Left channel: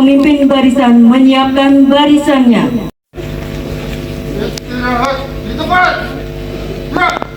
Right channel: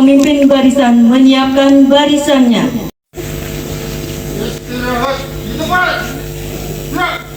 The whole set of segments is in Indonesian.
pemimpin barisan menyiapkan barisannya. Istirahat di tempat. Gerak.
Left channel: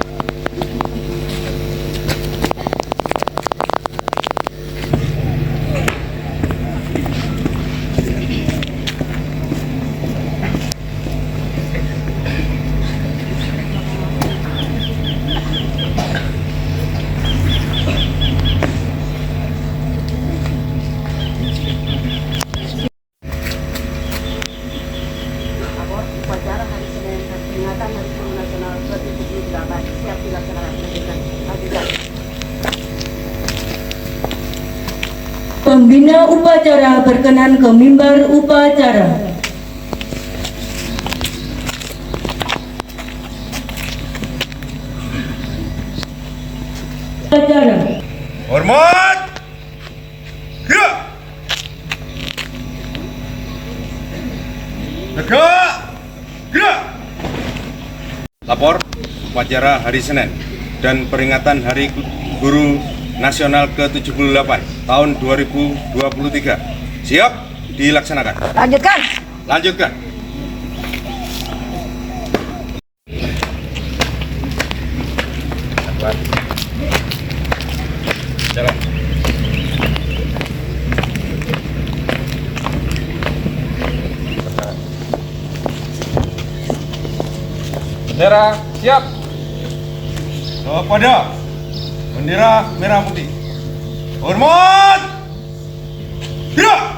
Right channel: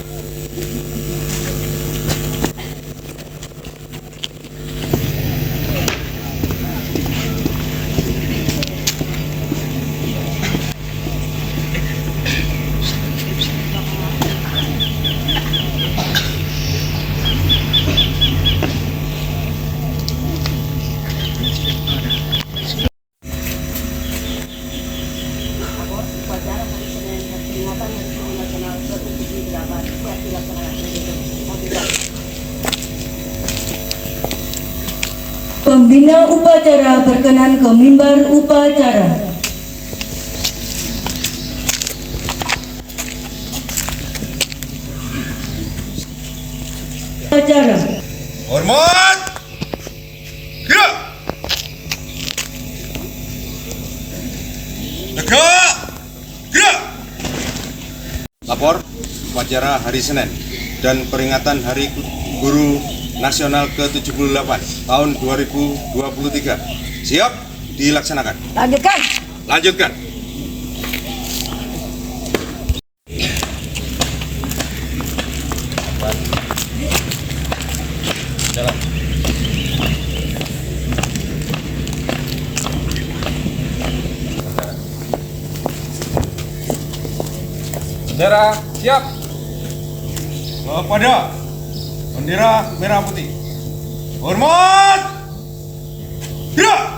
Upacara hari Senin dan peringatan Hari Guru Nasional ke-78 siap dilaksanakan. Lanjutkan. Pembina upacara berkenan ke mimbar upacara. Upacara. Hormat. Gerak. Tegak. Gerak. Lapor upacara hari Senin dan peringatan Hari Guru Nasional ke-78 tahun 2023 siap dilaksanakan. Lanjutkan. Lanjutkan. Jalan. Bendera siap. Kepada bendera merah putih. Hormat. Gerak.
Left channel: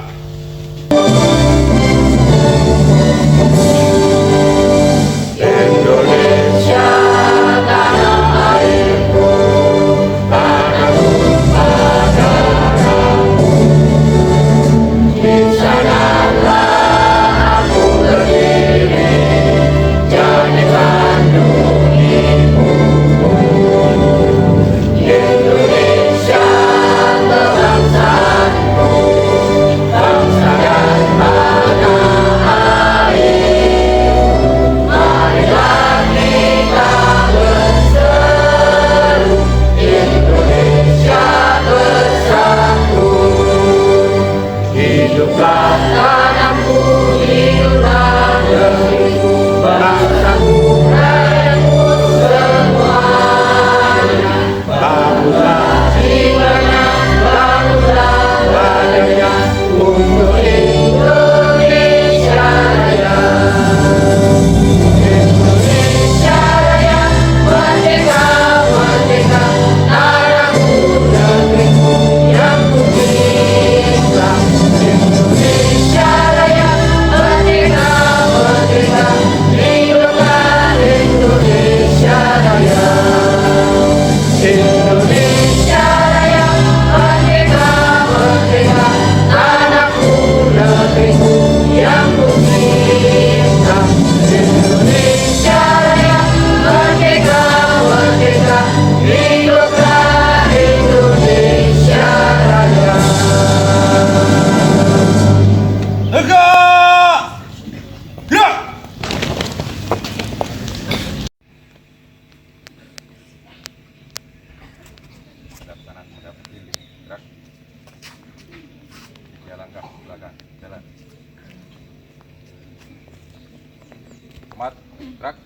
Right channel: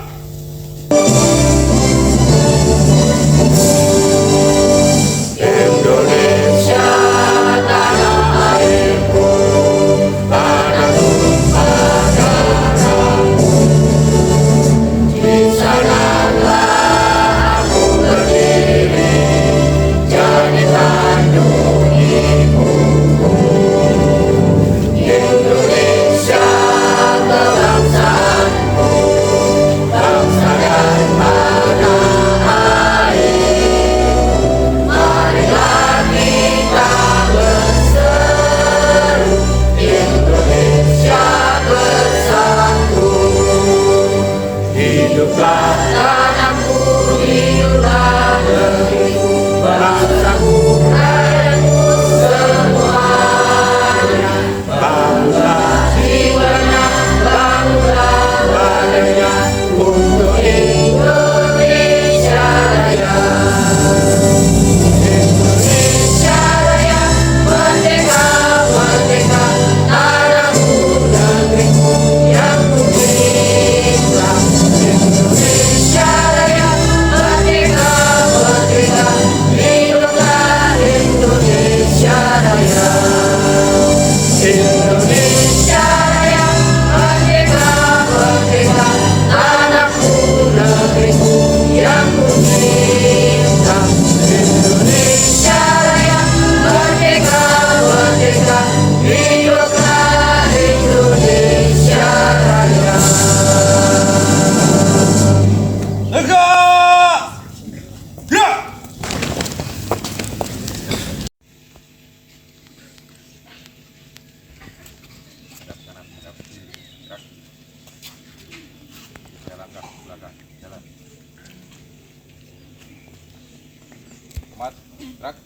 Hormat, gerak.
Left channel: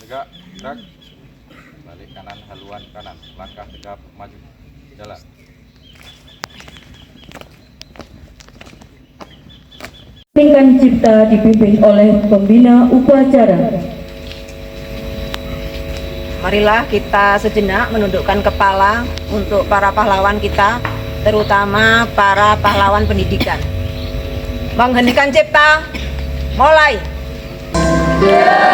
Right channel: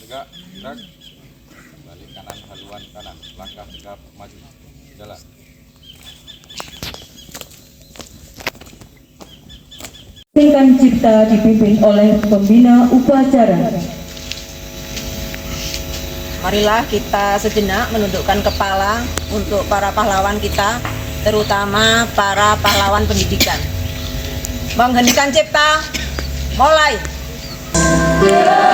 Tegak, gerak. Balik kanan, haluan kanan. Langkah tegap, maju. Jalan. Tingkan cipta dipimpin oleh pembina upacara. Marilah kita sejenak menundukkan kepala untuk para pahlawan kita, terutama para pahlawan pendidikan. Mengheningkan cipta, mulai. Diri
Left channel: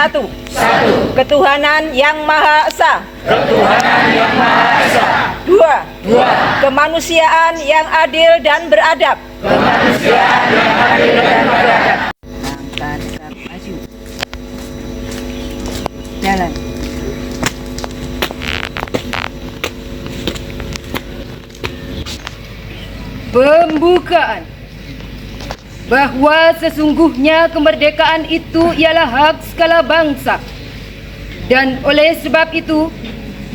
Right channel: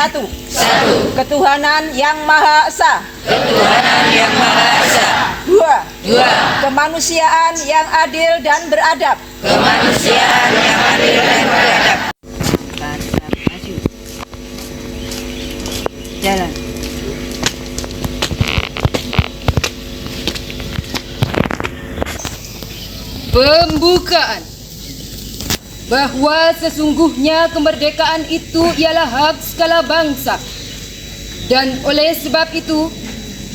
Satu. Ketuhanan yang Maha Esa. Dua. Kemanusiaan yang adil dan beradab. Maju. Jalan. Pembukaan. Bahwa sesungguhnya kemerdekaan itu ialah hak segala bangsa. Dan oleh sebab itu,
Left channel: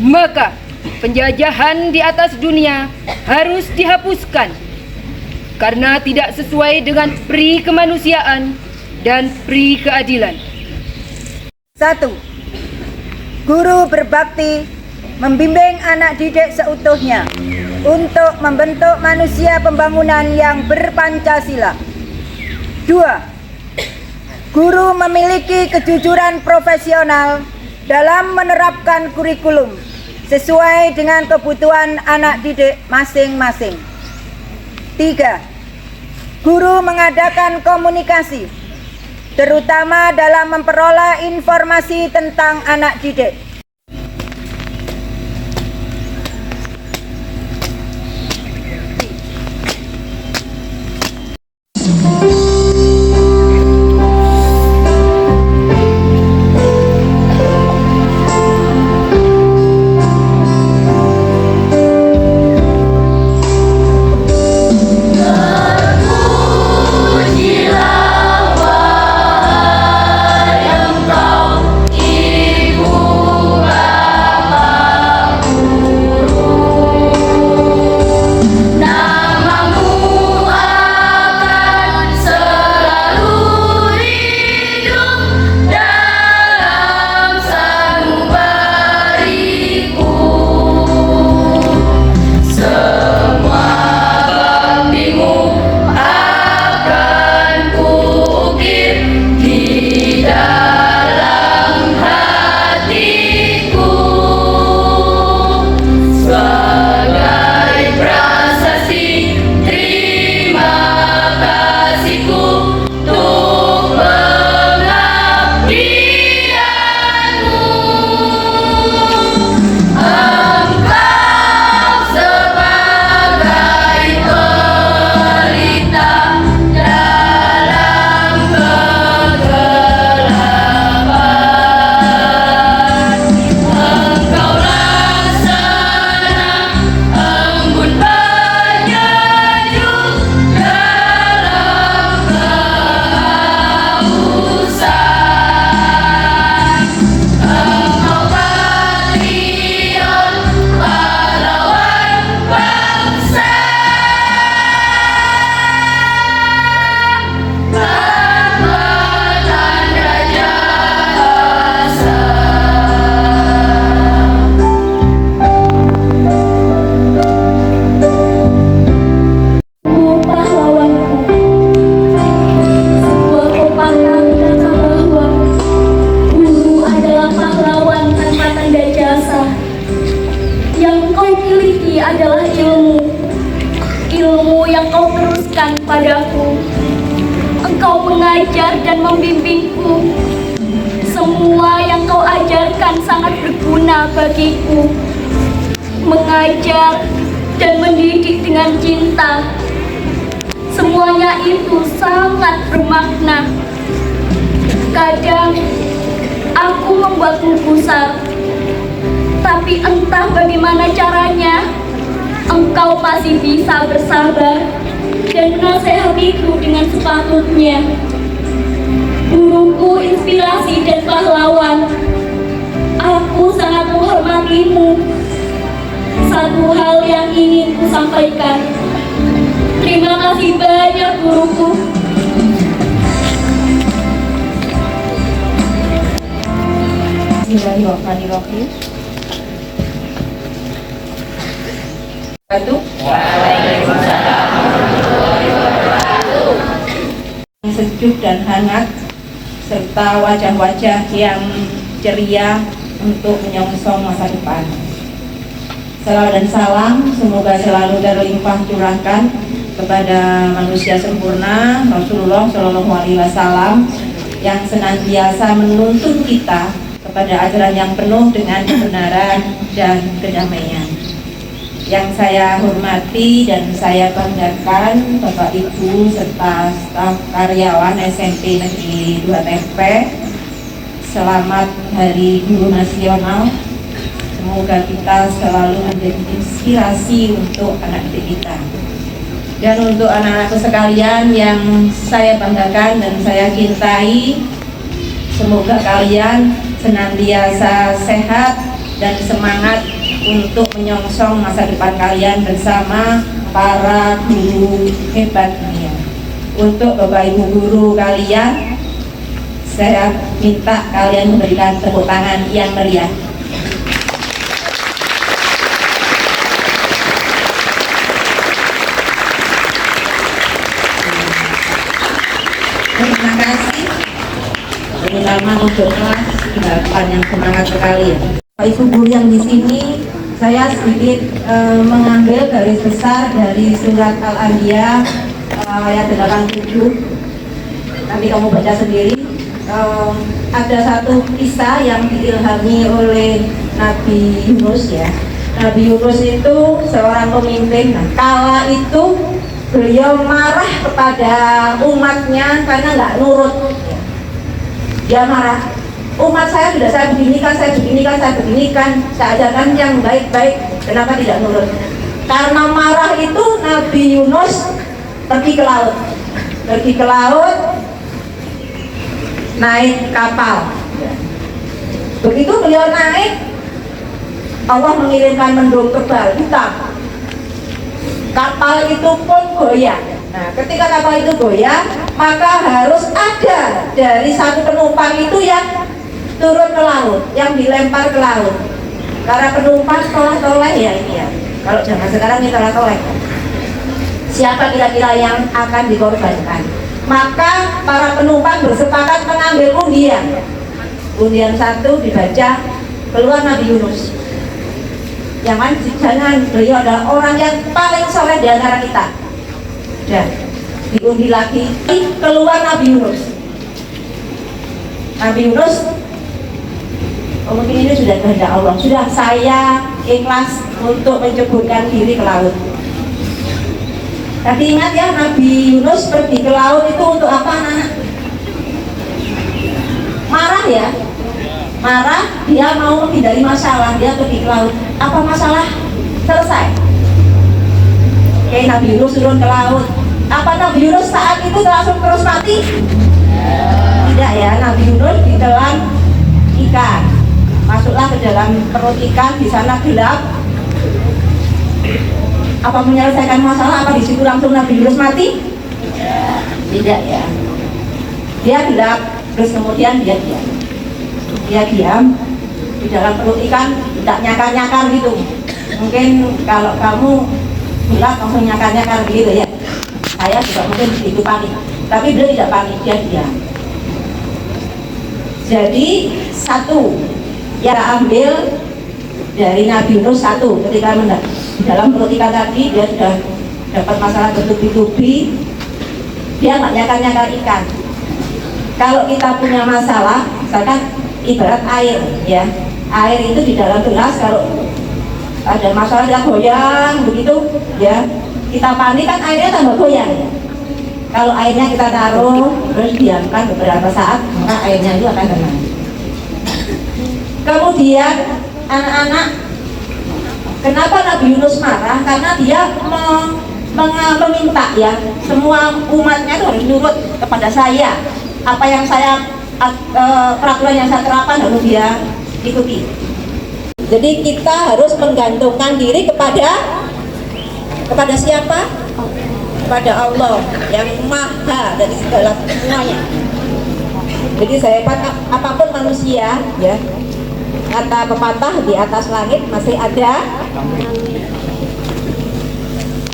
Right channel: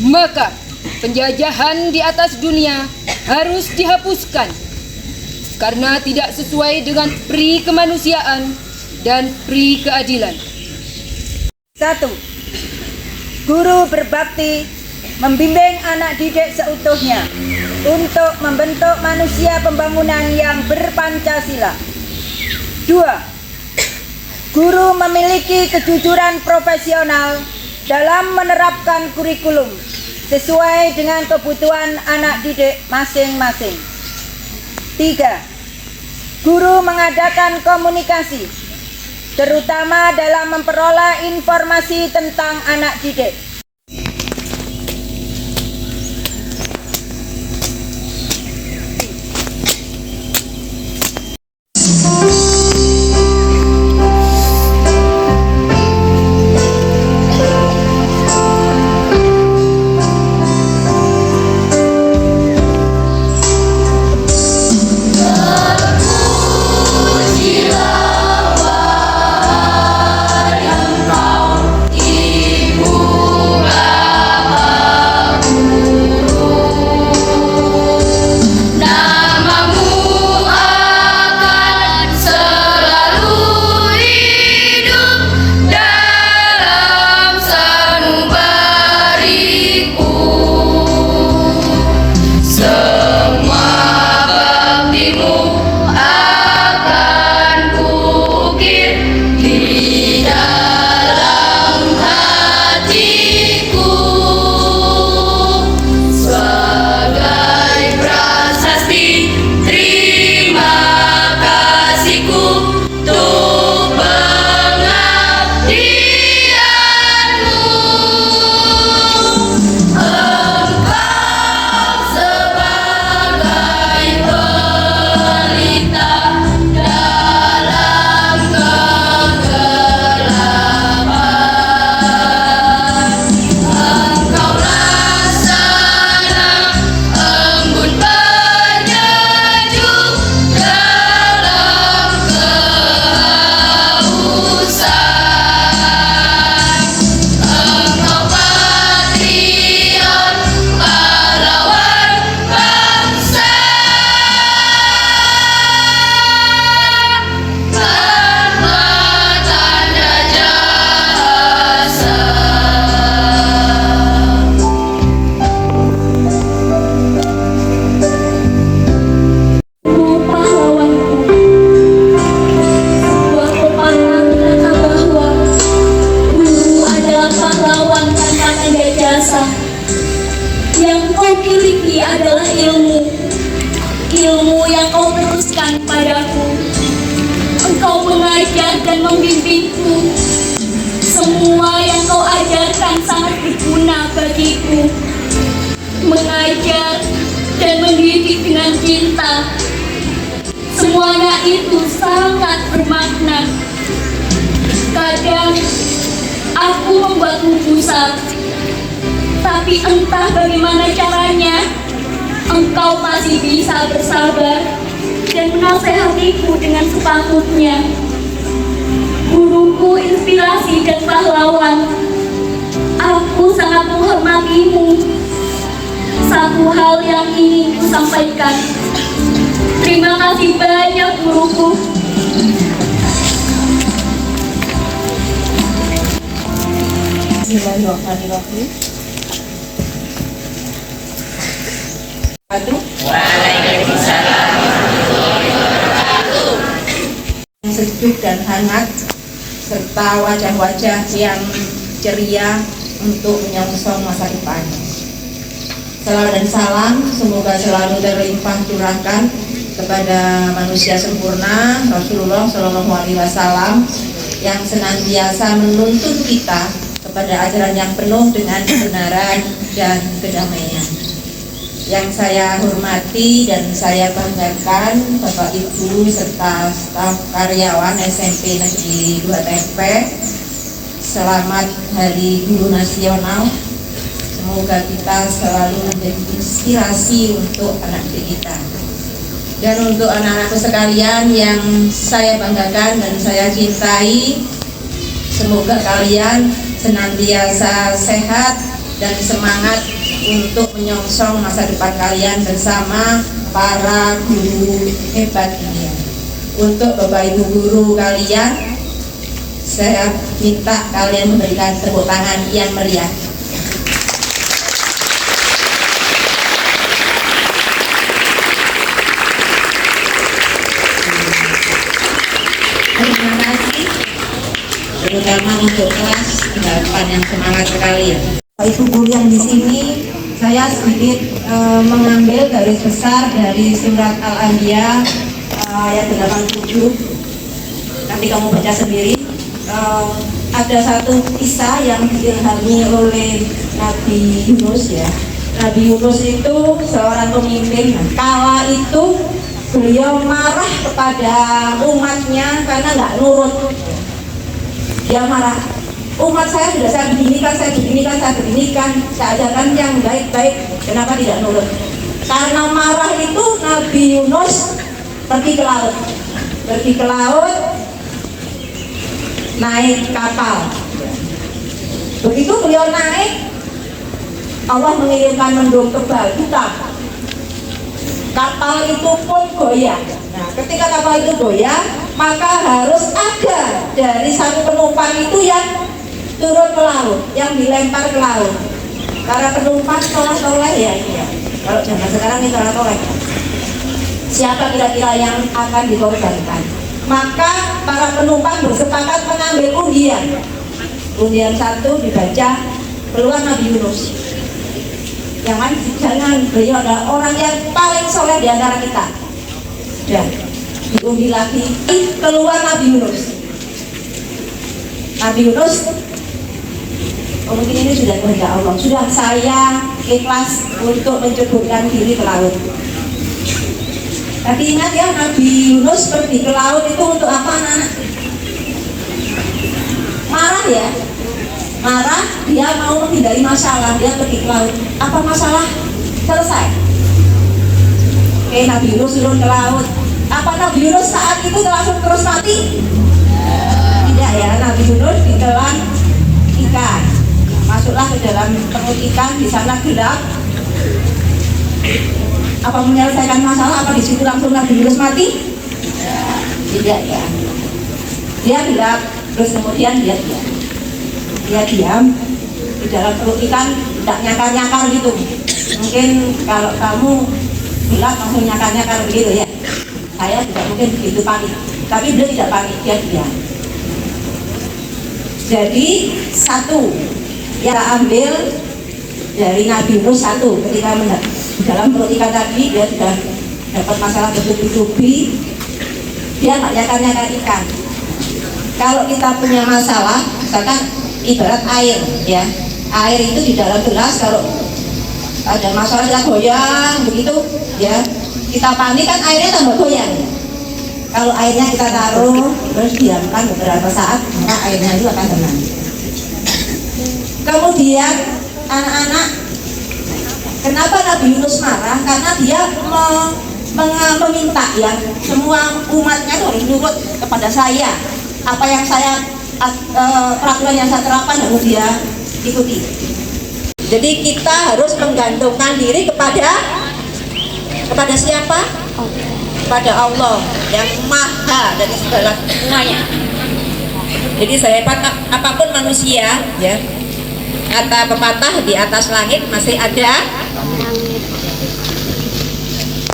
maka penjajahan di atas dunia harus dihapuskan karena tidak sesuai dengan pri kemanusiaan dan pri keadilan. 1. Guru berbakti membimbing anak didik seutuhnya untuk membentuk manusia pembangunan yang berpancasila. 2. Guru memiliki kejujuran profesional dalam menerapkan kurikulum sesuai dengan kebutuhan anak didik masing-masing. 3. Guru mengadakan komunikasi, terutama dalam memperoleh informasi tentang anak didik. Engkau mengajar dan membimbingku. Semua yang kau ajarkan sangat berguna bagiku. Mengajar dan mendidik dengan cinta, semuanya itu sangat bermakna. Kadang aku membuatmu gusar, tapi entah bagaimana caranya, engkau masih bisa bersabar dan menasehatiku dengan sepatutnya. Guruku inspirasi dan pahlawan, aku sangat menghormatimu. Satu hal yang ingin ku sampaikan, terima kasih banyak guruku. Bismillahirrahmanirrahim. Waalaikumsalam. Sejuk dan hangat serta wajah-wajah yang ceria untuk menyongsong masa depan. Salawat dan salam semoga selalu terlimpah curahkan kepada manusia sempurna Rasulullah Shallallahu Alaihi Wasallam yang senantiasa menuntun kita kepada ajaran yang penuh dengan kebenaran dan kedamaian. Yang saya hormati dan saya banggakan Bapak Ibu serta staf karyawan SMP Negeri 2 Tempe, selamat Hari Guru Nasional. Semoga kita selalu menjadi inspirasi untuk anak didik kita. Dan untuk anak-anakku sekalian yang saya banggakan dan saya cintai, semoga kalian senantiasa sehat dan semangat untuk menyongsong masa depan kalian bersama para guru hebat ini. Untuk Bapak Ibu guru kalian, saya minta kalian memberikan tepuk tangan yang meriah. Terima kasih, terutama untuk kelas 8 yang semangat sekali. Bapak Ibu guru yang di sini, saya sedikit mengambil garis besar dari surat Al-Anbiya ayat 87. Nanti kamu baca sendiri. Ada satu kisah yang diilhami oleh Nabi Yunus ya. Nabi Yunus itu seorang pemimpin. Nah, kala itu beliau marah kepada umatnya karena nggak nurut. Dia marah, umat saya sudah saya beginikan, saya ajarkan yang baik-baik, kenapa tidak nurut? Karena marah itu Nabi Yunus pergi ke laut, naik kapal. Begitu beliau naik, Allah mengirimkan mendung tebal hitam. Kapal itu pun goyang. Nah, ketika kapal itu goyang, maka harus ada dari sang penumpang itu yang turun ke laut, yang dilempar ke laut. Para penumpang toleh-toleh ya ini ya. Kalau zaman sekarang ini toleh-toleh. Siapa kira-kira yang akan dikorbankan? Maka para penumpang bersepakat mengambil undian. Undian 1 dibaca, keluar Nabi Yunus. Yang mana jangan, beliau adalah orang yang paling soleh di antara kita. Dan diundi lagi, keluar Nabi Yunus. Nabi Yunus, mungkin ini sudah kehendak Allah. Sudah, saya ikhlas untuk menceburkan diri ke laut. Tapi ingat ya, Nabi Yunus pergi ke laut itu untuk apa, anak-anak? Marah ya. Marah, dia mau menghindari masalah, dia pergi ke laut. Apa masalah? Selesai. Oke, Nabi Yunus turun ke laut. Apa Nabi Yunus saat itu langsung terus mati? Tidak ya, Nabi Yunus ditelan ikan. Masuklah ke dalam perut ikan, di sana gelap. Apa menyelesaikan masalah? Apa di situ langsung Nabi Yunus mati? Tidak ya. Dia gelap, terus kemudian dia diam di dalam perut ikan, tidak nyakar-nyakar gitu. Mungkin kalau kamu gelap langsung nyakar-nyakar begitu ya. Saya juga mungkin begitu panik, tapi beliau tidak panik, dia diam. Jadi 1 yang ambil dari Nabi Yunus 1, ketika di dalam perut ikan tadi dia sudah dapat masalah bertubi-tubi, dia nggak nyakar-nyakar ikan. Kalau kita punya masalah, misalkan ibarat air ya, air itu di dalam gelas, kalau ada masalah kita goyang begitu ya, kita panik kan airnya tambah goyang. Kalau airnya kita taruh terus diamkan beberapa saat, maka airnya itu akan tenang. Kemudian anak-anak, kenapa Nabi Yunus marah? Karena dia meminta ya, semua umatnya itu harus nurut kepada saya. Apa yang saya peraturan yang saya terapkan harus dia ikuti. Jadi kita harus menggantungkan diri kepada siapa? Kepada Allah yang maha dari segala semuanya. Jadi sehebat apapun manusia ya, kata pepatah di atas langit masih ada.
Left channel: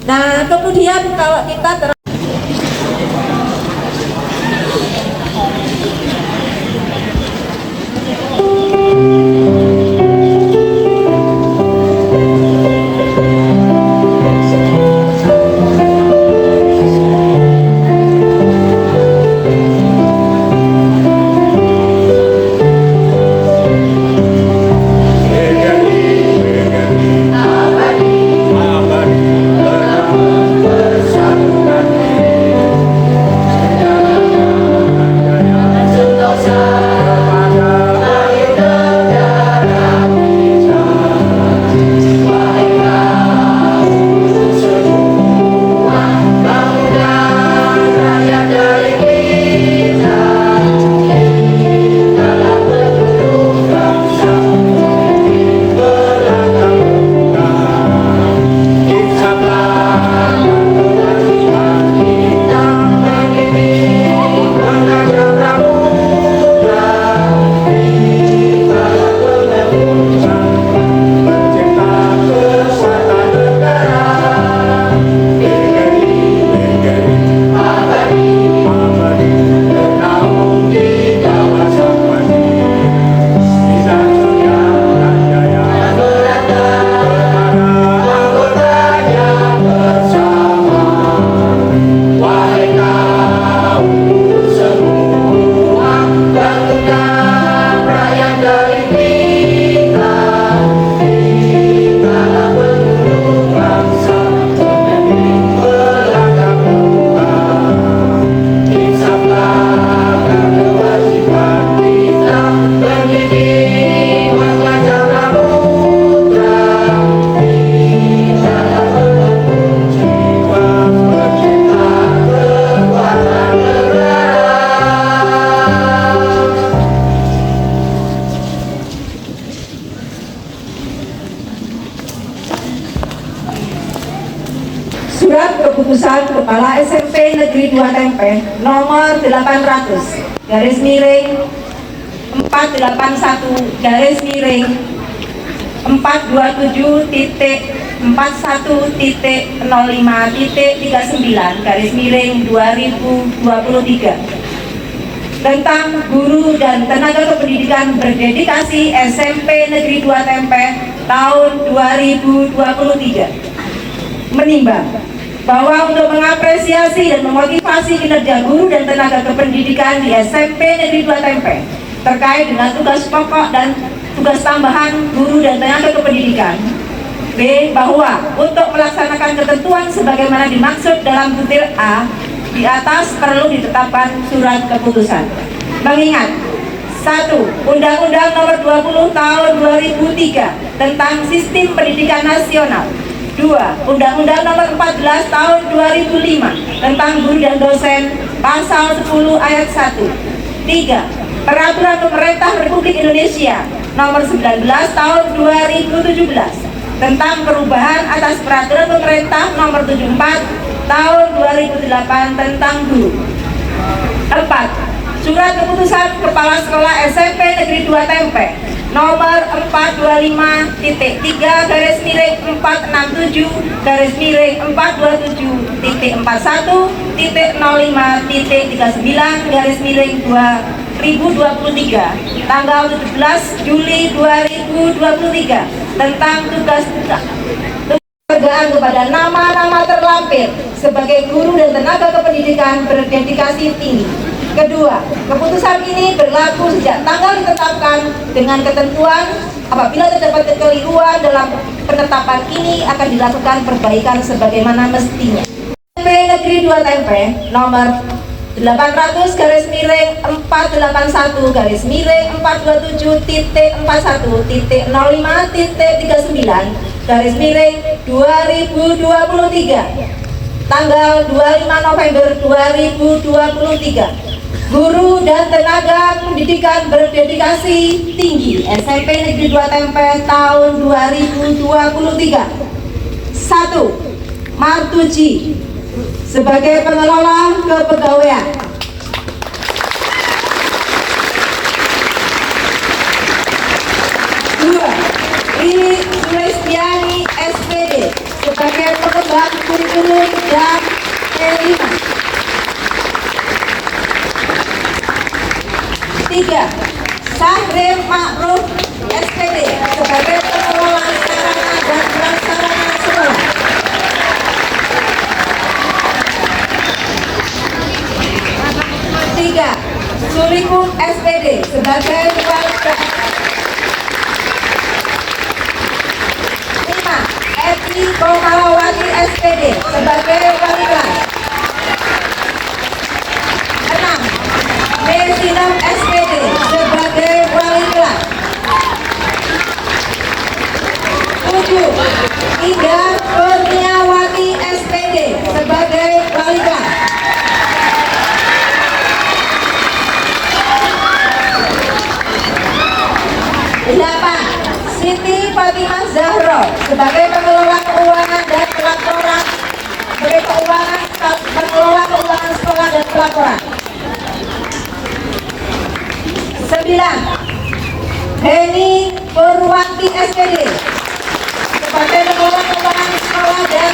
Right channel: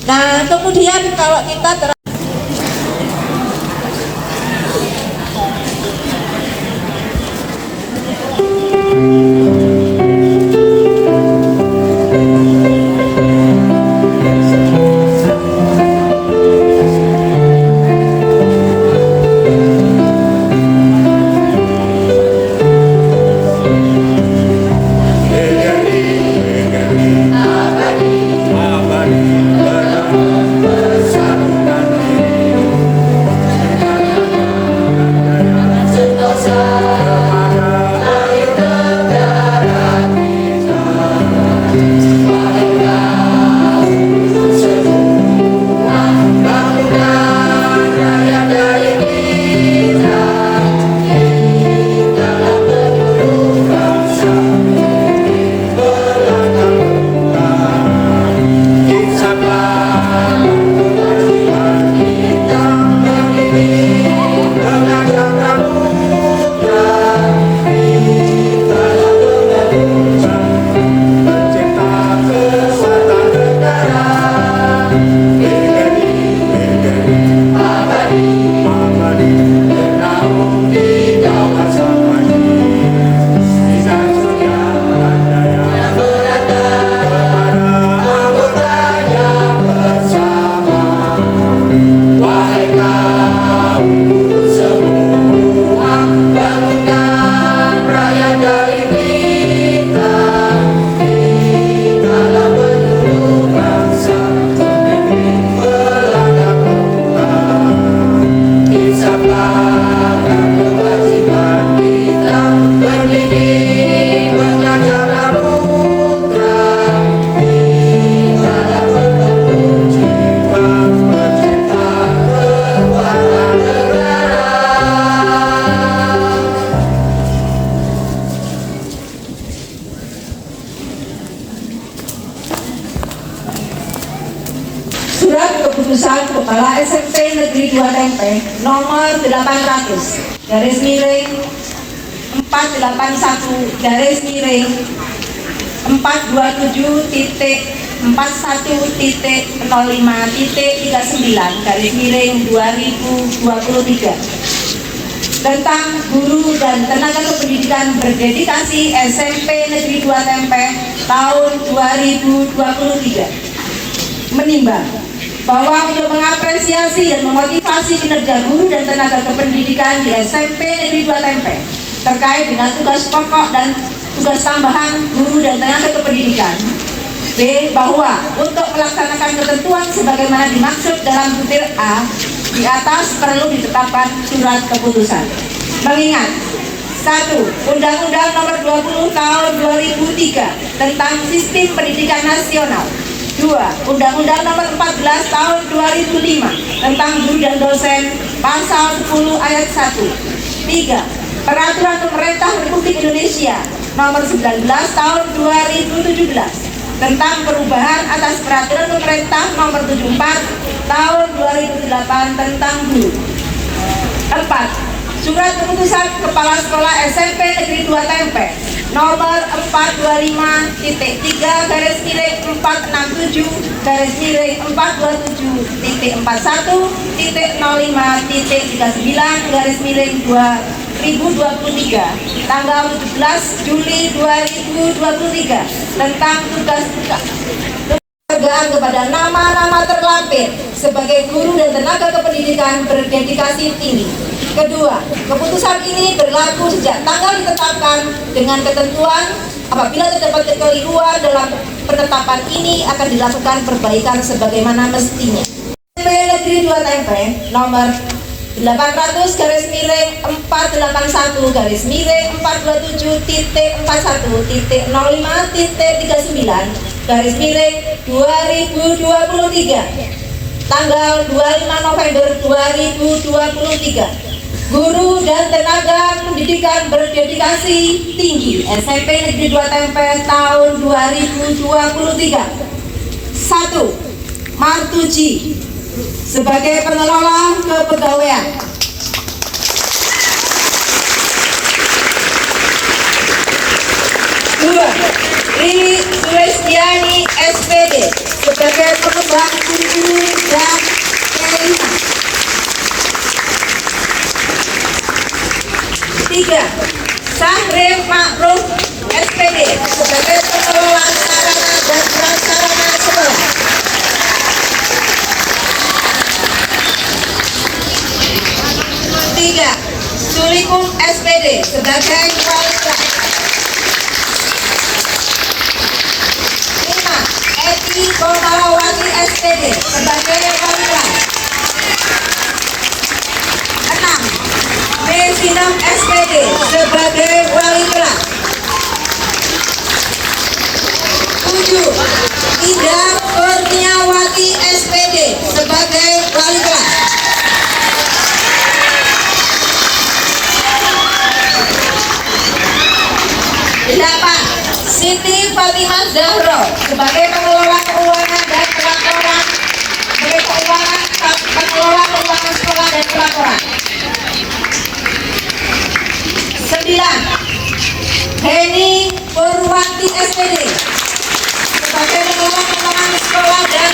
Nah kemudian kalau kita keputusan Kepala SMP Negeri 2 Tempe nomor 800 garis miring 481 garis miring 427.41.05.39 garis miring 2023 tentang guru dan tenaga kependidikan berdedikasi SMP Negeri 2 Tempe tahun 2023 menimbang bahwa untuk mengapresiasi dan memotivasi kinerja guru dan tenaga kependidikan di SMP Negeri 2 Tempe terkait dengan tugas pokok dan tugas tambahan guru dan tenaga kependidikan. B. Bahwa untuk melaksanakan ketentuan sebagaimana dimaksud dalam butir A di atas perlu ditetapkan surat keputusan. Mengingat 1. Undang-Undang Nomor 20 Tahun 2003 tentang Sistem Pendidikan Nasional. 2. Undang-Undang Nomor 14 Tahun 2005 tentang Guru dan Dosen Pasal 10 Ayat 1. 3. Peraturan Pemerintah Republik Indonesia Nomor 19 Tahun 2017 tentang perubahan atas Peraturan Pemerintah Nomor 74 Tahun 2008 tentang guru. 4. Surat Keputusan Kepala Sekolah SMP Negeri 2 Tempe Nomor 425.3 garis miring 467 garis miring 427.41.05.39 garis miring 2023 tanggal 17 Juli 2023 tentang tugas penghargaan kepada nama-nama terlampir sebagai guru dan tenaga kependidikan berdedikasi tinggi. Kedua, keputusan ini berlaku sejak tanggal ditetapkan dengan ketentuan apabila terdapat kekeliruan dalam penetapan ini akan dilakukan perbaikan sebagaimana mestinya. SMP Negeri 2 Tempe nomor 800 garis miring 481 garis miring 427.41.05.39 garis miring 2023 tanggal 25 November 2023. Guru dan tenaga pendidikan berdedikasi tinggi SMP Negeri 2 Tempe tahun 2023. 1. Martuji sebagai pengelola kepegawaian. 2. Riri Sulestiani SPD sebagai pengembang kurikulum dan T5. 3. Syahrir Ma'ruf SPD sebagai pengelola sarana dan prasarana sekolah. 3. Sulikung SPD sebagai wali kelas. 5. Eti Komalawati SPD sebagai wali kelas. 6. Mesinong SPD sebagai wali kelas. 7. Ida Kurniawati SPD sebagai wali kelas. 8. Siti Fatimah Zahro sebagai pengelola keuangan dan pelaporan pengelola keuangan sekolah dan pelaporan. 9. Heni Purwanti SPD sebagai pengelola keuangan sekolah dan